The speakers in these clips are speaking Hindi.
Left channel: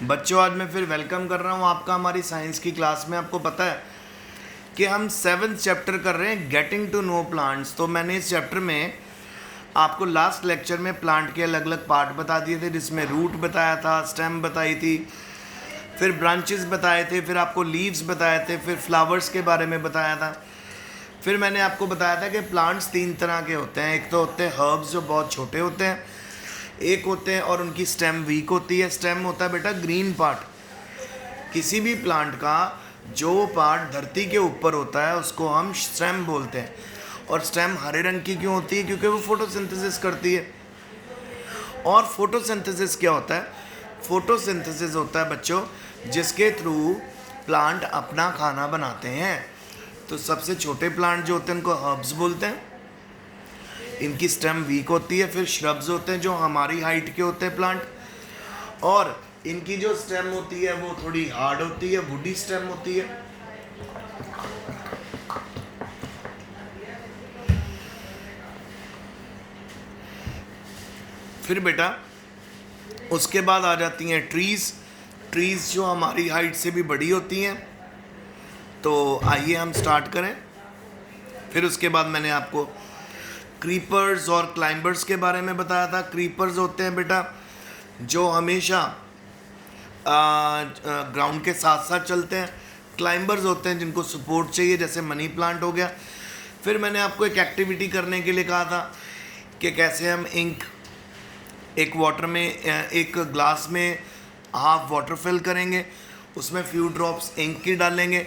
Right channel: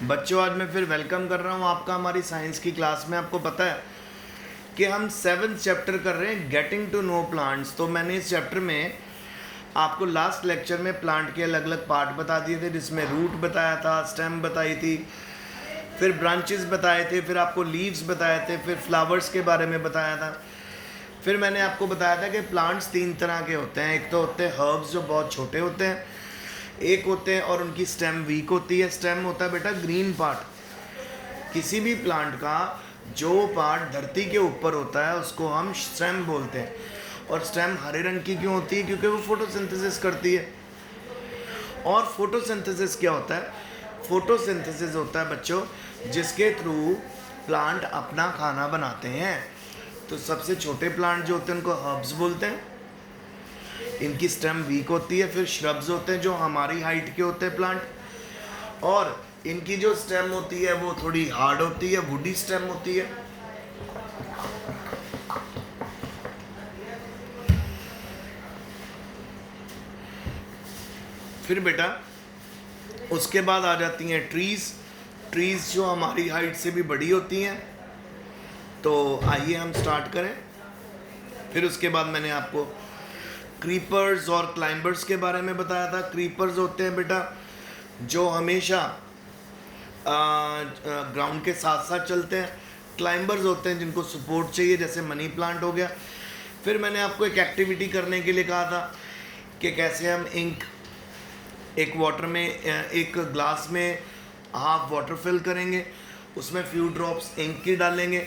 बच्चों, आज मैं फिर वेलकम कर रहा हूँ आपका हमारी साइंस की क्लास में। आपको पता है कि हम 7th चैप्टर कर रहे हैं, गेटिंग टू नो प्लांट्स। तो मैंने इस चैप्टर में आपको लास्ट लेक्चर में प्लांट के अलग अलग पार्ट बता दिए थे, जिसमें रूट बताया था, स्टेम बताई थी, फिर ब्रांचेस बताए थे, फिर आपको लीव्स बताए थे, फिर फ्लावर्स के बारे में बताया था। फिर मैंने आपको बताया था कि प्लांट्स 3 तरह के होते हैं। एक तो होते हैं हर्ब्स, जो बहुत छोटे होते हैं, एक होते हैं और उनकी स्टेम वीक होती है। स्टेम होता है बेटा ग्रीन पार्ट। किसी भी प्लांट का जो पार्ट धरती के ऊपर होता है उसको हम स्टेम बोलते हैं। और स्टेम हरे रंग की क्यों होती है? क्योंकि वो फोटोसिंथेसिस करती है। और फोटोसिंथेसिस क्या होता है? फोटोसिंथेसिस होता है बच्चों जिसके थ्रू प्लांट अपना खाना बनाते हैं। तो सबसे छोटे प्लांट जो होते हैं उनको हर्ब्स बोलते हैं। इनकी स्टेम वीक होती है। फिर श्रब्स होते हैं जो हमारी हाइट के होते हैं प्लांट, और इनकी जो स्टेम होती है वो थोड़ी हार्ड होती है, वुडी स्टेम होती है। फिर बेटा उसके बाद आ जाती हैं ट्रीज। ट्रीज जो हमारी हाइट से भी बड़ी होती हैं। तो आइए हम स्टार्ट करें। फिर उसके बाद मैंने आपको क्रीपर्स और क्लाइंबर्स के बारे में बताया था। क्रीपर्स होते हैं बेटा जो हमेशा ग्राउंड के साथ साथ चलते हैं। क्लाइंबर्स होते हैं जिनको सपोर्ट चाहिए, जैसे मनी प्लांट हो गया। फिर मैंने आपको एक एक्टिविटी करने के लिए कहा था कि कैसे हम इंक एक वाटर में एक ग्लास में हाफ वाटर फिल करेंगे, उसमें फ्यू ड्रॉप्स इंक की डालेंगे,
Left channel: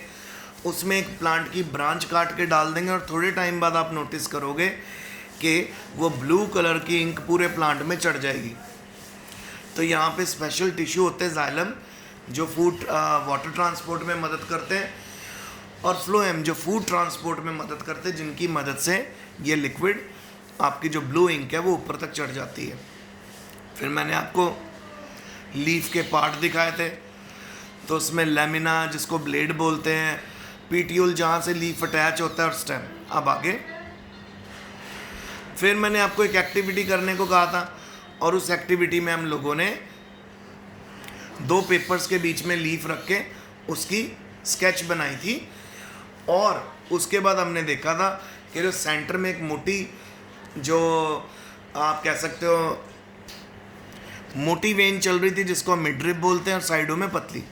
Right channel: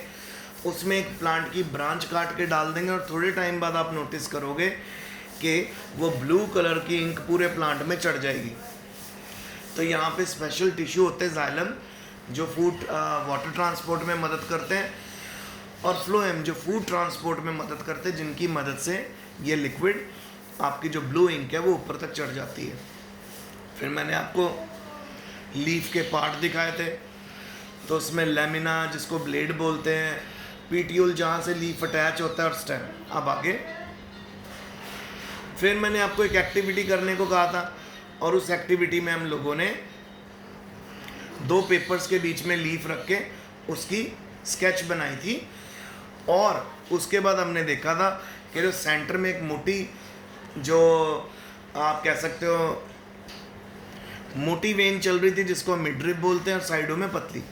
उसमें एक प्लांट की ब्रांच काट के डाल देंगे, और थोड़े टाइम बाद आप नोटिस करोगे कि वो ब्लू कलर की इंक पूरे प्लांट में चढ़ जाएगी। तो यहाँ पे स्पेशल टिश्यू होते हैं जाइलम, जो फूड वाटर ट्रांसपोर्ट में मदद करते हैं, और फ्लोएम जो फूड ट्रांसपोर्ट में मदद करते हैं, जिनकी मदद से ये लिक्विड आपकी जो ब्लू इंक है वो ऊपर तक चढ़ जाती है। फिर मैंने आपको लीफ के पार्ट दिखाए थे। तो उसमें लेमिना जिसको ब्लेड बोलते हैं, पीटियोल जहाँ से लीफ अटैच होता है, और स्टेम। अब आगे फिर मैंने आपको एक एक्टिविटी करने को कहा था, और उस एक्टिविटी में हम लोगों ने 2 पेपर्स के बीच में लीफ रख के उसकी स्केच बनाई थी। और उसके बाद हमने देखा था कि जो सेंटर में एक मोटी, जो आप कह सकते हो मोटी वेन चल रही थी, जिसको हम मिडरिप बोलते हैं, और साइडों में पतली।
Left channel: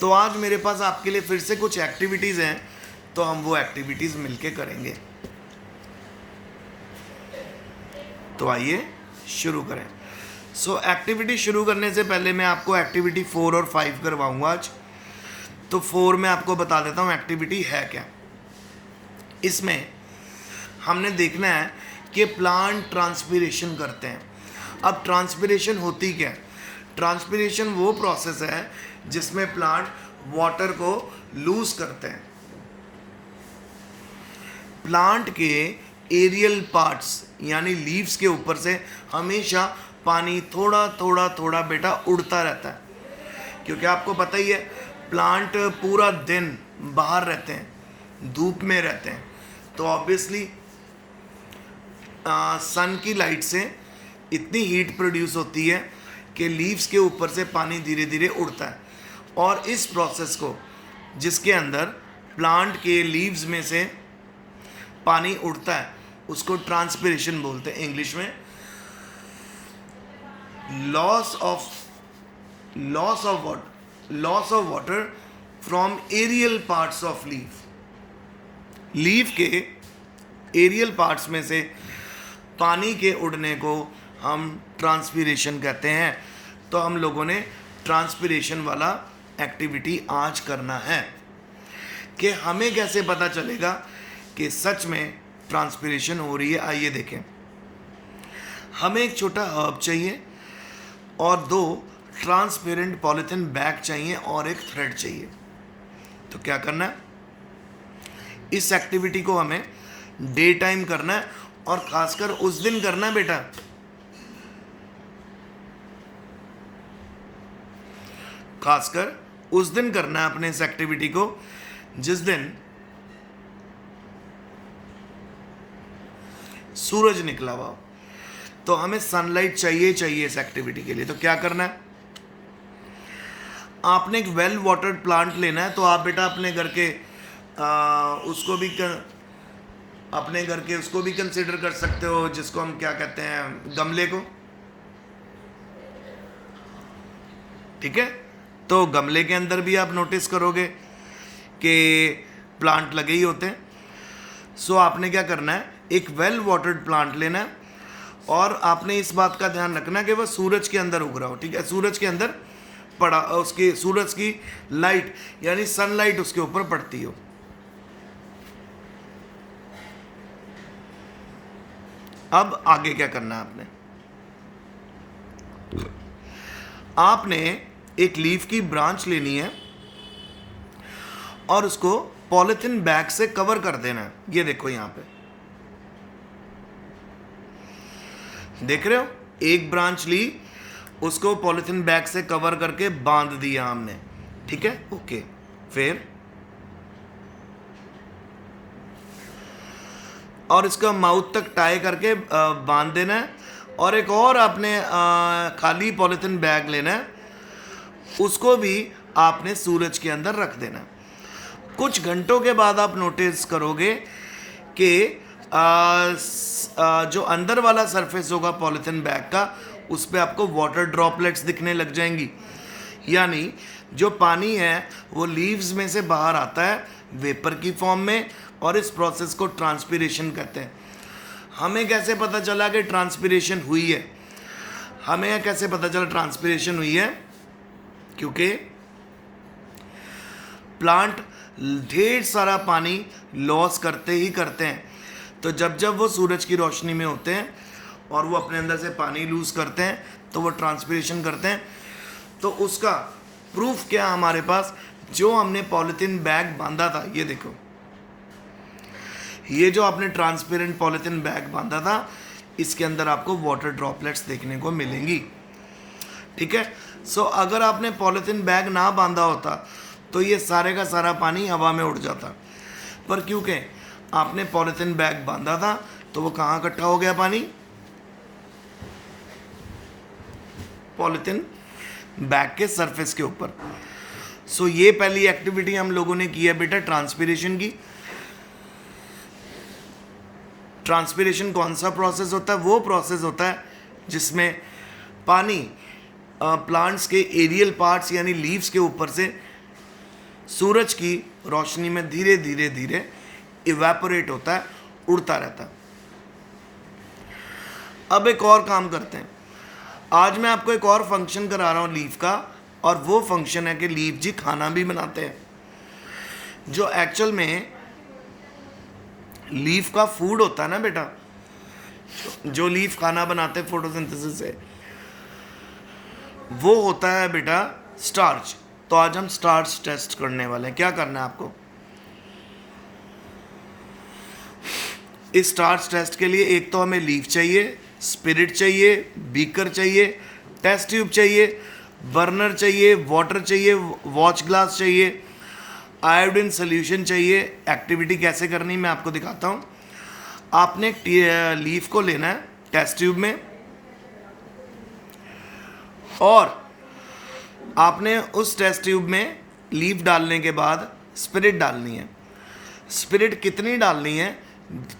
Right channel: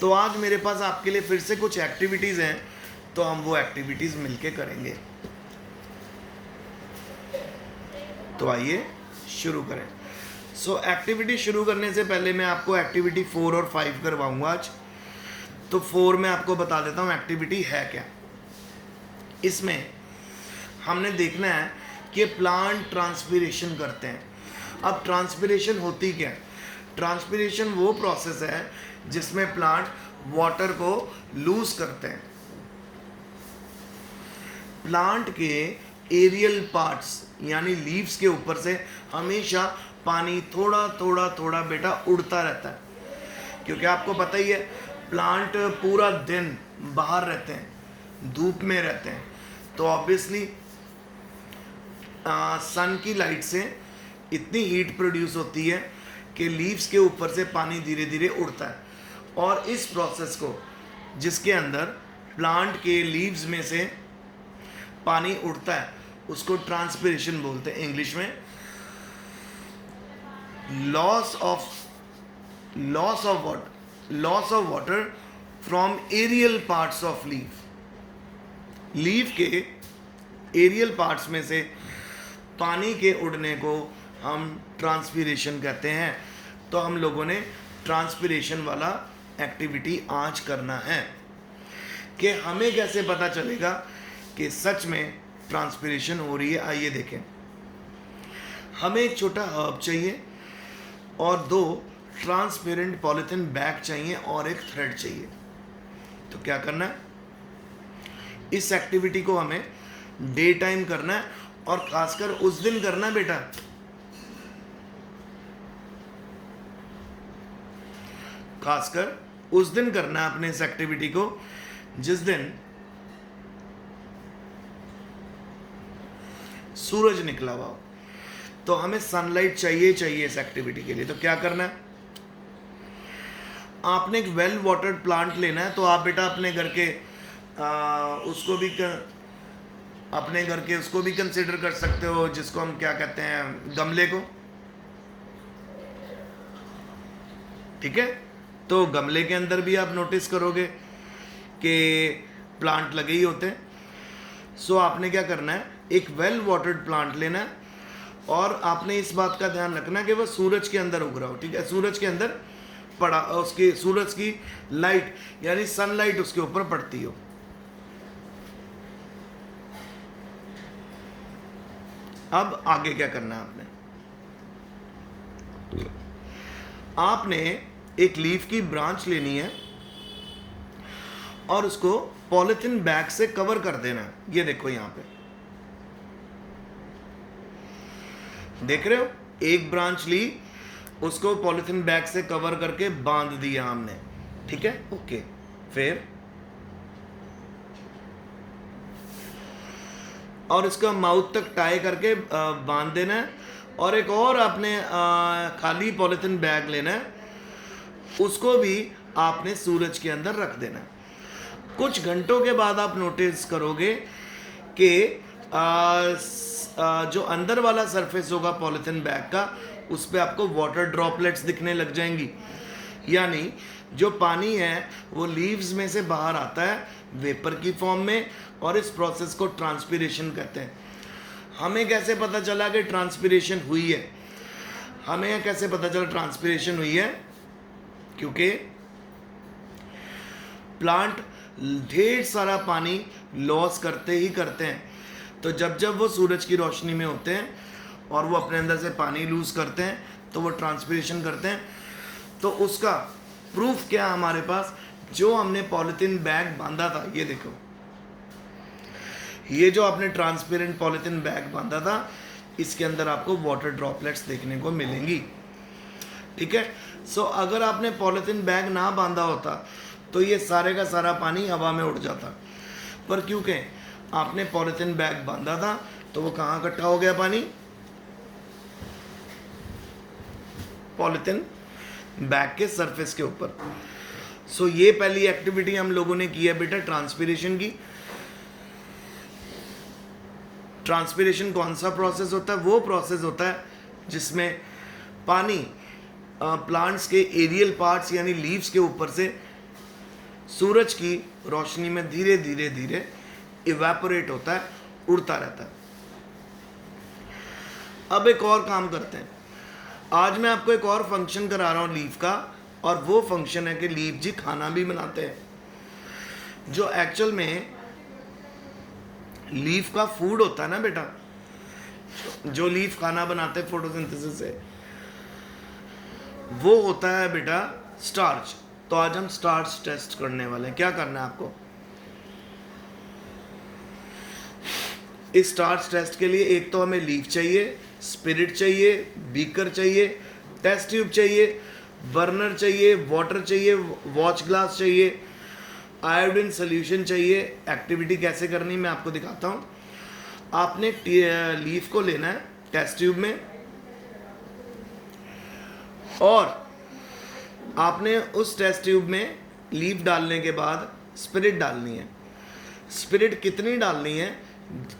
तो आज मेरे पास आपके लिए फिर से कुछ एक्टिविटीज़ हैं, तो हम वो एक्टिविटीज़ मिलके करेंगे। तो आइए शुरू करें। एक्टिविटी शुरू करने से पहले मैं आपको एक्टिविटी 4 और 5 करवाऊंगा आज। तो 4 में आपको बता देता हूँ एक्टिविटी है क्या। इसमें हमने देखना है कि प्लांट ट्रांसपिरेशन करते हैं। अब ट्रांसपिरेशन होती क्या है? ट्रांसपिरेशन वो प्रोसेस है जिसमें प्लांट वाटर को लूज करते हैं। प्लांट के एरियल पार्ट्स यानी लीव्स के ऊपर से हमेशा पानी थोड़ा थोड़ा थोड़ा बेटा उड़ता रहता है, क्योंकि आपको पता ही है प्लांट पूरा दिन बाहर रहते हैं, धूप में रहते हैं। तो ऑब्वियसली सन की लाइट से इतनी हीट प्रोड्यूस होती है कि लीव्स के ऊपर से पानी धीरे धीरे उड़ता है। और इस प्रोसेस को, जिसके अंदर प्लांट के लीव्स में से पानी उड़ता है, उसको ट्रांसपिरेशन बोलते हैं इंग्लिश में। Loss of water from aerial parts of leaf. Leaf के एरियल पार्ट्स में से पानी के उड़ने को हम ट्रांसपिरेशन कहते हैं। तो हम लोगों ने ट्रांसपिरेशन वाला एक्टिविटी आज करना है। कि हमें कैसे पता चलेगा कि सच में ट्रांसपिरेशन हो रही है? आइए देखें। हमें एक छोटा हर्ब चाहिए, और 2 ट्रांसपेरेंट पॉलीथिन बैग चाहिए, और एक थ्रेड चाहिए। तो क्या करना है? इस एक्टिविटी को हमें डे टाइम करना है, और खासकर उस दिन करना है बेटा खासकर उस दिन करना है अपने इस एक्टिविटी को जिस दिन सूरज निकला हुआ हो। तो हमें सनलाइट चाहिए इस एक्टिविटी के लिए। तो क्या करना है? आपने एक वेल वाटर्ड प्लांट लेना है तो आप बेटा अपने घर के उसको भी कंसिडर कर सकते हो, जिसको हम क्या कहते हैं, गमले को। ठीक है, तो गमले के अंदर भी आप नोटिस करोगे कि प्लांट लगे ही होते हैं। सो आपने क्या करना है, एक वेल वाटर्ड प्लांट लेना है और आपने इस बात का ध्यान रखना है कि वह सूरज के अंदर उग रहा हो। ठीक है, सूरज के अंदर पड़ा, उसकी सूरज की लाइट यानी सनलाइट उसके ऊपर पड़ती हो। अब आगे क्या करना है आपने एक लीफ की ब्रांच लेनी है और उसको पॉलिथीन बैग से कवर कर देना है। ये देखो यहां पे देख रहे हो, एक ब्रांच ली, उसको पॉलिथीन बैग से कवर करके बांध दिया हमने। ठीक है, ओके। फिर और इसका माउथ तक टाई करके बांध देना है और एक और आपने खाली पॉलिथीन बैग लेना है, उसको भी आपने सूरज के अंदर रख देना है। कुछ घंटों के बाद आप नोटिस करोगे कि जो अंदर वाला सरफेस होगा पॉलिथीन बैग का, उस पर आपको वाटर ड्रॉपलेट्स दिखने लग जाएंगी, यानी जो पानी है वो लीव्स में से बाहर आता है वेपर की फॉर्म में, और इस प्रोसेस को ट्रांसपिरेशन कहते हैं। हमें कैसे पता चला कि ट्रांसपिरेशन हुई है? हमें कैसे पता चला ट्रांसपिरेशन हुई है? क्योंकि प्लांट ढेर सारा पानी लॉस करते ही करते हैं, तो जब वो सूरज की रोशनी में होते हैं और वो अपने अंदर से पानी लूज करते हैं तो वो ट्रांसपिरेशन करते हैं। तो उसका प्रूफ क्या है हमारे पास? जो हमने पॉलिथीन बैग बांधा था, ये देखो, ये जो आपने ट्रांसपेरेंट पॉलिथीन बैग बांधा था, इसके अंदर आपको वाटर ड्रॉपलेट्स देखने को मिलेंगी। ठीक है, सो अगर आपने पॉलिथीन बैग ना बांधा होता तो ये सारे का सारा पानी हवा में उड़ जाता, पर क्योंकि आपने पॉलिथीन बैग बांधा था तो वो कहाँ इकट्ठा हो गया पानी? पॉलिथीन बैग के सरफेस के ऊपर। सो ये पहली एक्टिविटी हम लोगों ने की है बेटा, ट्रांसपिरेशन की। ट्रांसपिरेशन कौन सा प्रोसेस होता है? वो प्रोसेस होता है जिसमें पानी प्लांट्स के एरियल पार्ट्स यानी लीव्स के ऊपर से सूरज की रोशनी में धीरे धीरे धीरे इवेपोरेट होता है, उड़ता रहता है। अब एक और काम करते हैं, आज मैं आपको एक और फंक्शन करा रहा हूँ लीफ का, और वो फंक्शन है कि लीफ जी खाना भी बनाते हैं, जो एक्चुअल में लीफ का फूड होता है ना बेटा, जो लीफ खाना बनाते हैं फोटोसिंथेसिस से, वो होता है बेटा स्टार्च। तो आज हम स्टार्च टेस्ट करने वाले हैं। क्या करना है आपको? इस स्टार्च टेस्ट के लिए एक तो हमें लीफ चाहिए, स्पिरिट चाहिए, बीकर चाहिए, टेस्ट ट्यूब चाहिए, बर्नर चाहिए, वाटर चाहिए, वॉच ग्लास चाहिए, आयोडीन सोल्यूशन चाहिए। एक्टिविटी कैसे करनी मैं आपको दिखाता हूँ। आपने लीफ को लेना है टेस्ट ट्यूब में, और आपने उस टेस्ट ट्यूब में लीफ डालने के बाद स्पिरिट डालनी है। स्पिरिट कितनी डालनी है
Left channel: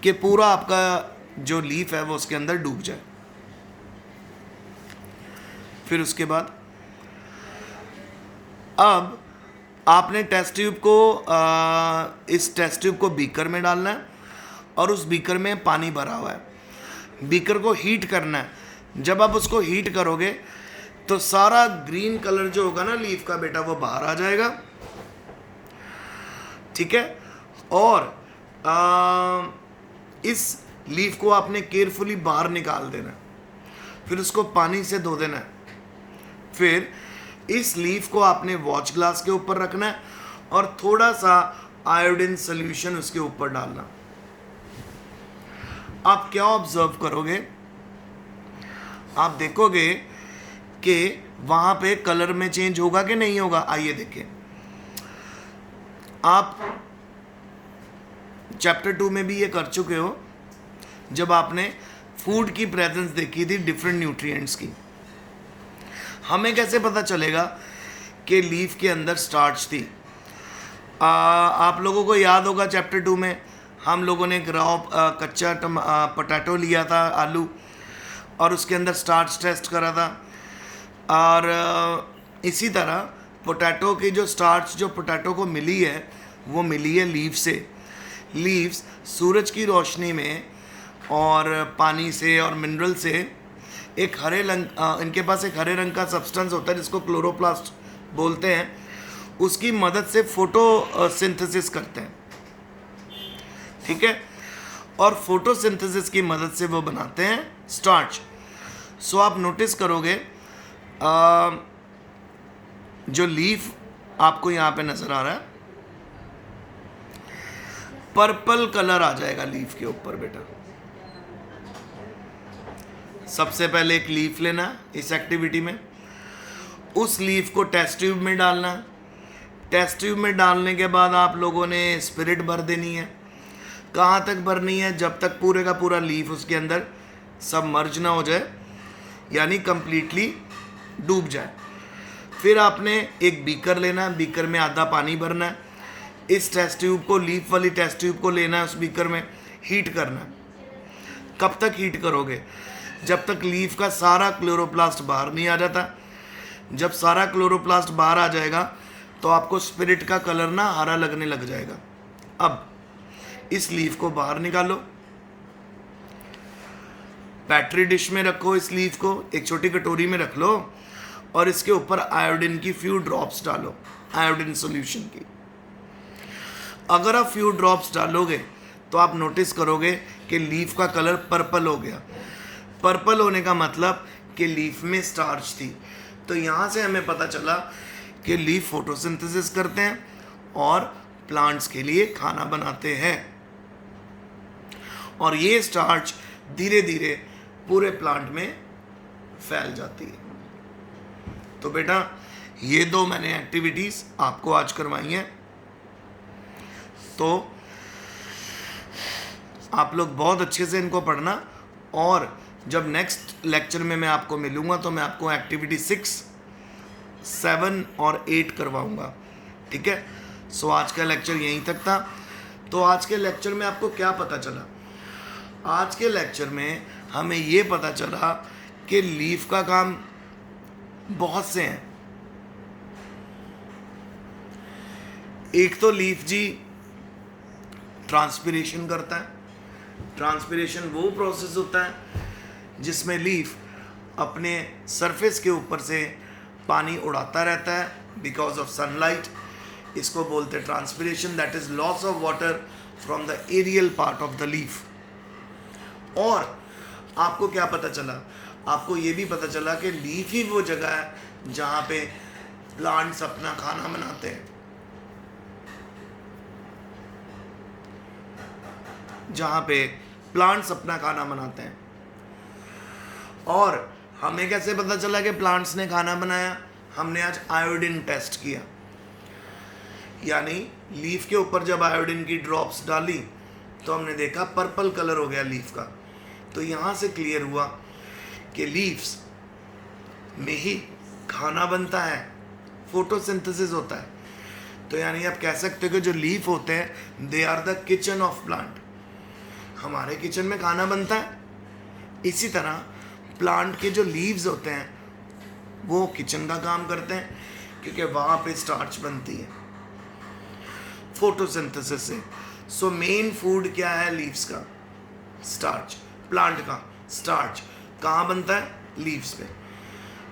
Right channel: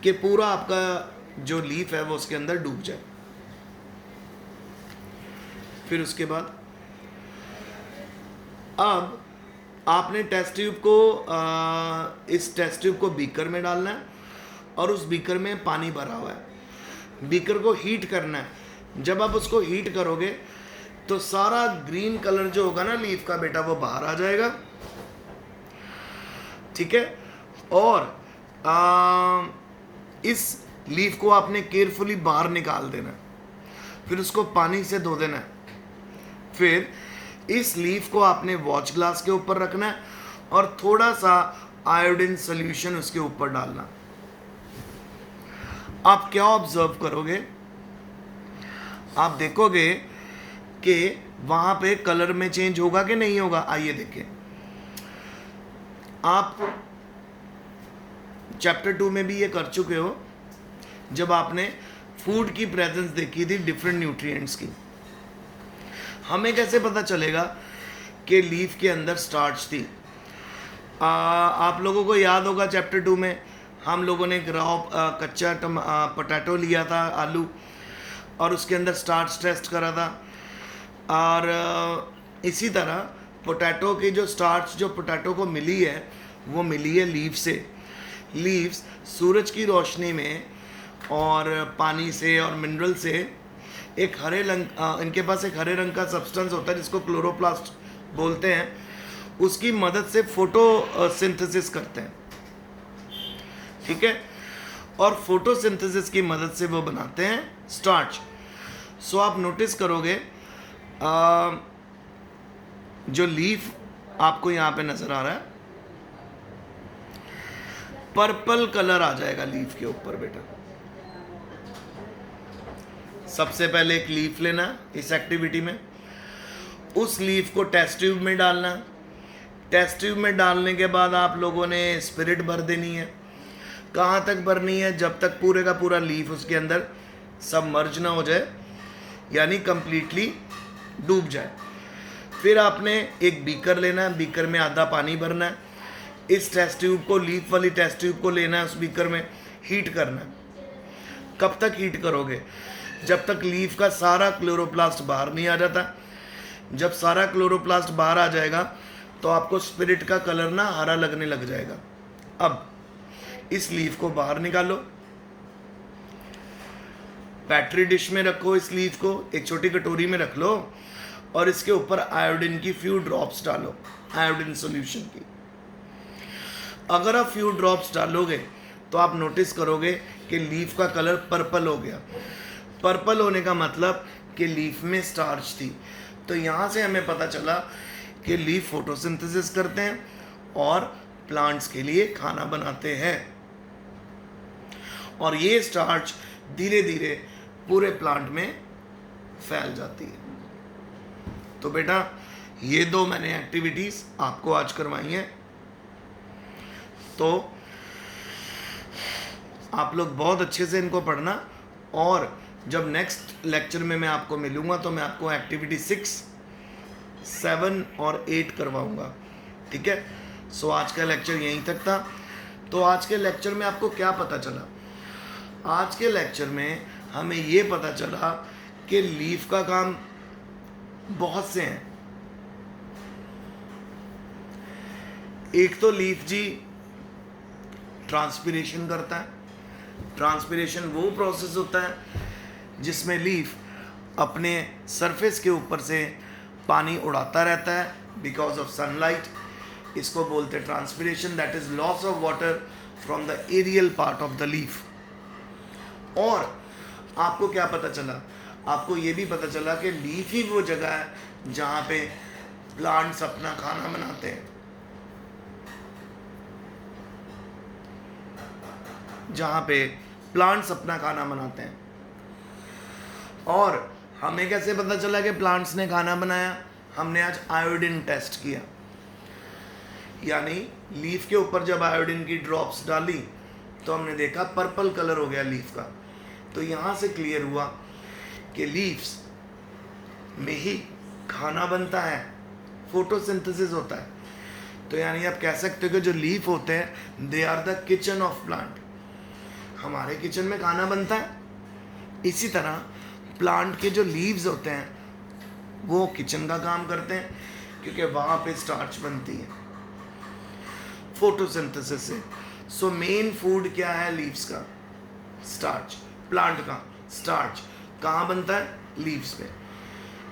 कि पूरा आपका जो लीफ है वो उसके अंदर डूब जाए। फिर उसके बाद अब आपने टेस्ट ट्यूब को इस टेस्ट ट्यूब को बीकर में डालना है, और उस बीकर में पानी भरा हुआ है। बीकर को हीट करना है। जब आप उसको हीट करोगे तो सारा ग्रीन कलर जो होगा ना लीफ का बेटा, वो बाहर आ जाएगा। ठीक है, और इस लीफ को आपने केयरफुली बाहर निकाल देना, फिर उसको पानी से धो देना है। फिर इस लीफ को आपने वॉच ग्लास के ऊपर रखना है और थोड़ा सा आयोडीन सोल्यूशन उसके ऊपर डालना। आप क्या ऑब्जर्व करोगे? आप देखोगे कि वहां पे कलर में चेंज होगा कि नहीं होगा। आइए देखें। आप चैप्टर 2 में भी ये कर चुके हो, जब आपने फूड की प्रेजेंस देखी थी डिफरेंट न्यूट्रिएंट्स की। हमें कैसे पता चलेगा कि लीफ के अंदर स्टार्च थी। आप लोगों को याद होगा चैप्टर 2 में हम लोगों ने एक कच्चा पोटैटो लिया था, आलू, और उसके अंदर स्टार्च टेस्ट करा था। और इसी तरह पोटैटो की जो स्टार्च जो पोटैटो को मिली है वो मिली है लीफ से। लीव्स सूरज की रोशनी में और पानी से और मिनरल से एक हरे रंग इनके पास एक हरे रंग का सब्सटेंस होता है जिसको क्लोरोप्लास्ट बोलते हैं, उसकी मदद से फोटोसिंथेसिस करते हैं, ठीक है। और फोटोसिंथेसिस की मदद से वो बनाते हैं स्टार्च। सो आप नोटिस करोगे जो लीफ आपको यहाँ पे नजर आ रहा है, पर्पल कलर आ जाएगा लीफ के ऊपर बेटा। सबसे पहले एक लीफ लेना इस एक्टिविटी में, उस लीफ को टेस्ट ट्यूब में डालना। टेस्ट ट्यूब में डालने के बाद आप लोगों ने स्पिरिट भर देनी है। कहाँ तक भरनी है? जब तक पूरे का पूरा लीफ उसके अंदर सबमर्ज ना हो जाए, यानी कंप्लीटली डूब जाए। फिर आपने एक बीकर लेना है, बीकर में आधा पानी भरना है। इस टेस्ट ट्यूब को, लीफ वाली टेस्ट ट्यूब को लेना है, उस बीकर में हीट करना है। कब तक हीट करोगे? जब तक लीफ का सारा क्लोरोप्लास्ट बाहर नहीं आ जाता। जब सारा क्लोरोप्लास्ट बाहर आ जाएगा तो आपको स्पिरिट का कलर ना हरा लगने लग जाएगा। अब इस लीफ को बाहर निकालो, बैटरी डिश में रखो, इस लीफ को एक छोटी कटोरी में रख लो और इसके ऊपर आयोडीन की फ्यू ड्रॉप्स डालो, आयोडीन सॉल्यूशन की। अगर आप फ्यू ड्रॉप्स डालोगे तो आप नोटिस करोगे कि लीफ का कलर पर्पल हो गया। पर्पल होने का मतलब कि लीफ में स्टार्च थी। तो यहाँ से हमें पता चला कि लीफ फोटोसिंथेसिस करते हैं और प्लांट्स के लिए खाना बनाते हैं, और ये स्टार्च धीरे धीरे पूरे प्लांट में फैल जाती है। तो बेटा ये दो मैंने एक्टिविटीज आपको आज करवाई हैं, तो आप लोग बहुत अच्छे से इनको पढ़ना, और जब नेक्स्ट लेक्चर में मैं आपको मिलूंगा तो मैं आपको एक्टिविटी 6, 7 और 8 करवाऊंगा, ठीक है। सो आज का लेक्चर यहीं तक था। तो आज के लेक्चर में आपको क्या पता चला? आज के लेक्चर में हमें ये पता चला कि लीफ का काम बहुत से हैं। एक तो लीफ जी ट्रांसपिरेशन करता है। ट्रांसपिरेशन वो प्रोसेस होता है जिसमें लीफ अपने सरफेस के ऊपर से पानी उड़ाता रहता है बिकॉज ऑफ सनलाइट। इसको बोलते हैं transpiration, that is loss of water from the aerial part of the leaf. और आपको क्या पता चला? आपको ये भी पता चला कि लीफ ही वो जगह है जहाँ पे प्लांट्स अपना खाना बनाते हैं, जहाँ पे प्लांट्स अपना खाना बनाते हैं। और हमें कैसे पता चला कि प्लांट्स ने खाना बनाया? हमने आज आयोडीन टेस्ट किया, यानी लीफ के ऊपर जब आयोडीन की ड्रॉप्स डाली तो हमने देखा पर्पल कलर हो गया लीफ का। तो यहाँ से क्लियर हुआ कि लीव्स में ही खाना बनता है, फोटोसिंथेसिस होता है। तो यानी आप कह सकते हो कि जो लीफ होते हैं they are the kitchen of plant. हमारे किचन में खाना बनता है, इसी तरह प्लांट के जो लीव्स होते हैं वो किचन का काम करते हैं, क्योंकि वहाँ पे स्टार्च बनती है फोटोसिंथेसिस से। सो मेन फूड क्या है लीव्स का? स्टार्च। प्लांट का स्टार्च कहाँ बनता है? लीव्स पे।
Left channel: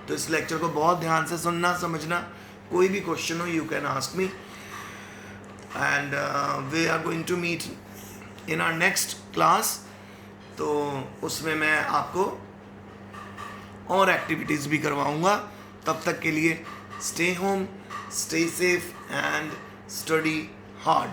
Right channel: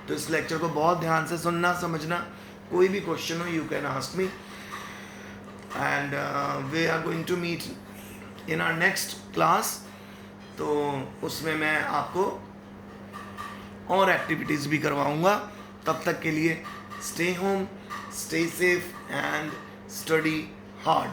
तो इस लेक्चर को बहुत ध्यान से सुनना, समझना। कोई भी क्वेश्चन हो you can ask me, and we are going to meet in our next class. तो उसमें मैं आपको और एक्टिविटीज़ भी करवाऊंगा। तब तक के लिए stay home, stay safe and study hard.